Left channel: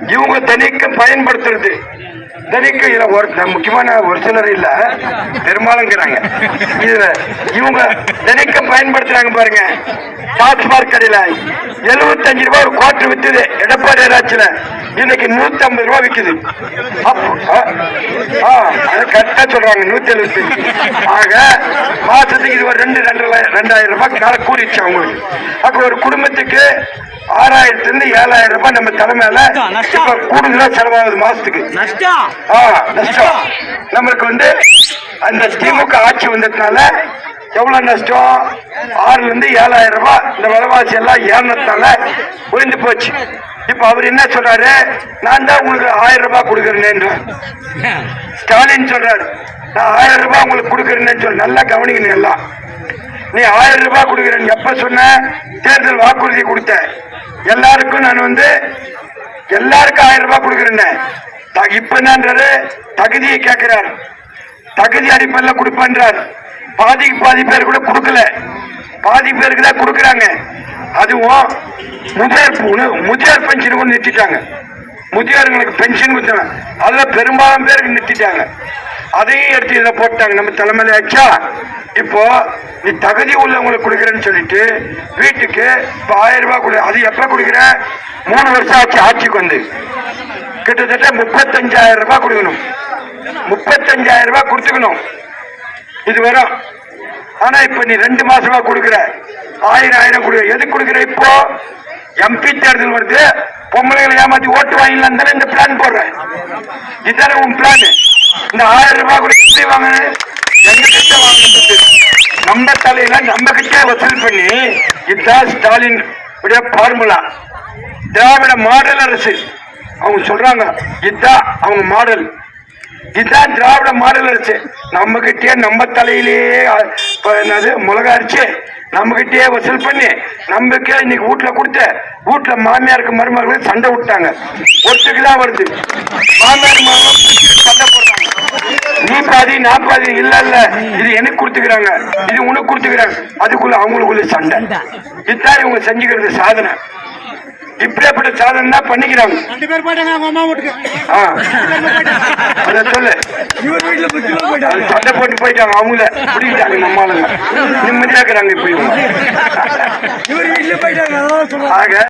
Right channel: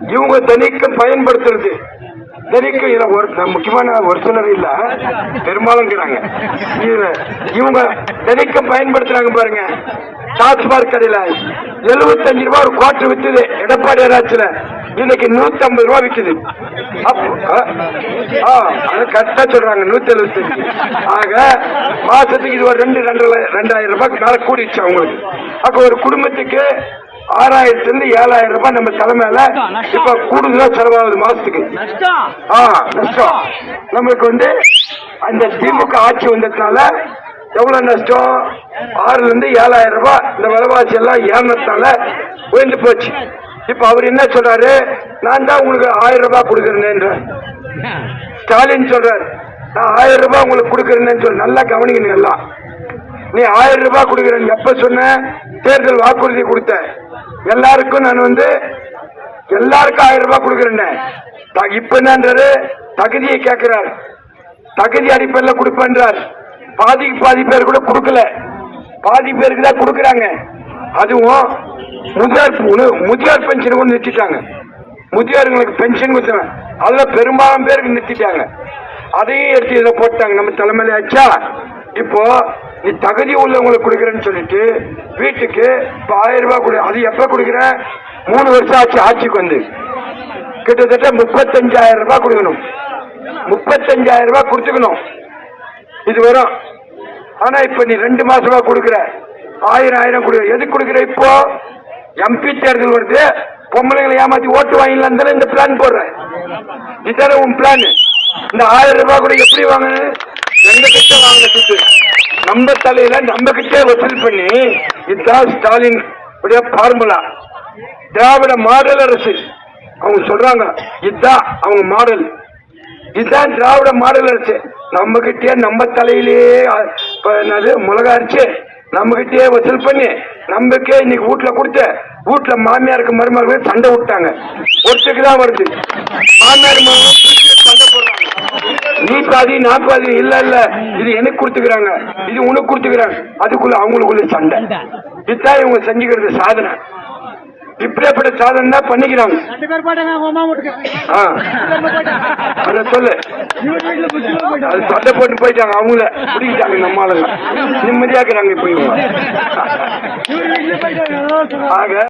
இவங்க தினைக்கும் பயன்படுத்துறது. தினைக்கும் இதில் ஒரு முக்கியமான ஒரு சிலர் இல்ல. பெரும்பாலுங்கிறாங்க. இதில் இவங்க தினைக்கும் பயன்படுத்துறாங்க பாருங்க. டாஸ்மாக் கடையில எழுபத்தஞ்சு ரூபாய் ஒரு குவார்டர் வித்துது. எடப்பாடி ஏதாச்சும் இன்னைக்கு நூத்தி ஐம்பது ரூபாய் விக்குது. அப்போ ஆ, ஆ, அது கரெக்டா சொல்றாங்க நூத்தி எழுபத்தி ஆக மாசத்துக்கு இது ஒரு ரெண்டு ரெண்டு ரெண்டாயிரம் ரூபாய்க்கு மேல கூடிடுச்சு அவங்களுக்கு. அப்ப ஒரு குடும்பத்துக்கு ஆறாயிரத்துல இருந்து ஏழாயிரம் ரூபாய் நம்ம தலைமையில இப்ப கூடுதலா செலவாகுது மாசத்துக்கு. நஷ்டம். ஆ நஷ்டம். நம்மளுக்கு வந்து அந்த திமுக ஆட்சி வந்ததுனால எவ்வளவு நஷ்டம்? ஆறுல இருந்து ஏழாயிரம் ரூபாய். இந்த விலைவாசி எல்லாம் ஏறினதுனால உயர்ந்து போச்சு. இப்ப அவர் என்ன சொல்றாரு? நான் தான் உங்களுக்கு ஆயிரம் ரூபாய் கொடுக்குறேன்னு ஸ்டாலின் சொல்றாரு. நான் ஆயிரம் ரூபாய் உங்களுக்கு கொடுக்குறேன்னு சொல்லி நல்லா கவனிக்கணும் எல்லாம். நீ ஆயிரம் ரூபாய் கொடுக்குறேன்னு எப்ப சொன்ன? தேர்தல் வாக்குறுதி கொடுத்தேன். எல்லாருக்கும் நான் வந்து எல்லாருக்கும் ஆயிரம் ரூபாய் கொடுக்குறேன்னு. த- இப்ப என்னன்றாரு தகுதியை கேட்கிறார் தகுதி அடிப்படையில் கொடுப்பேன்றார். பாதிக்கு பாதி பேர் கூட கொடுக்கல. பாதி பேருக்கு தான் கொடுக்குறாங்க. அதுவும் முதியோர் பு- முதியோர் பென்ஷன் கூட நிறுத்திட்டாங்க. முதியோர்களுக்கு பென்ஷன் கொடுத்தாங்க அதுல பெரும்பாலும் பேருக்கு நிறுத்திட்டாங்க. அதையும் எடுத்து இதை போட்டாங்க. நம்ம தலைமையில ஆச்சா இப்போ நீ தகுதி உள்ளவங்களுக்கு கொடுக்குறேன்னு சொல்லிட்டு வீட்டுக்கு இப்போ ஆயிரம் ரூபாய் கொடு. அது எப்ப கொடுக்குற? மூணு வருஷம் ஆச்சு ஆட்சிக்கு வந்து. கிட்டத்தட்ட முப்பத்தஞ்சாயிரம் ரூபாய் கொடுக்கணும். முப்பத்தஞ்சாயிரம் ரூபாய் கொடுத்துக்கணும். இது வரும். ஆனா இப்ப நீ ரெண்டு மாசமா கொடுக்குற. ஆயிரம் ஆயிரம் கொடுக்குற எதுக்கு கொடுக்குற இப்போ? எம்பி தேர்தல் வருது. பொம்பளைங்களை ஏமாத்தி ஓட்டு வாங்கிடலாம் தானே இந்த பிளான் போடுறேன் இதுதானே உன் பிளான் இந்த ஆயிரம் ரூபாய் கூட எப்படி வாங்கணும்? எங்க கிட்ட வாங்க துட்டு நம்ம தலையில நம்ம கிட்டே வசூல் பண்ணி இதுதான் ஸ்டாலின் உடைய ஃபார்முலா திராவிட மாடல் அரசு. அவங்க சொல்றாங்க இதுதான் அவங்க மாடல். இதுதான் திராவிட மாடல் அரசு. நம்ம கிட்டே நம்ம தலையிலேயே என்னது மிளகா அரிச்சு நம்ம கிட்டே வசூல் பண்ணி நம்மக்கே இன்னைக்கு வீட்டுல கொடுத்து வீட்டுல மாமியாருக்கு மருமகளுக்கு சண்டை விட்டாங்க. ஒருத்தருக்கு தான் வருது. மாமியார் சண்டை போடுற நீ பாதி நான் பாதி இல்ல இல்ல. இது எனக்கு கொடுத்துக்கிறாங்க. இது உனக்கு கொடுத்துக்கிறாங்க. அதுக்குள்ள அவங்களுக்குள்ள சண்டை. இதுதான் இவங்க செஞ்சுக்கிறது சாதனை. இப்படியாப்பட்ட சாதனை தான் பண்ணிக்கிறாங்க. அத சொல்லு. சண்டை போட்டு போயிட்டாங்க. அவங்கள பிடிக்கிட்டாங்க நம்ம ஆளுங்க நிம்மதியா இருக்கிறாங்க இப்ப இவங்க. ஆக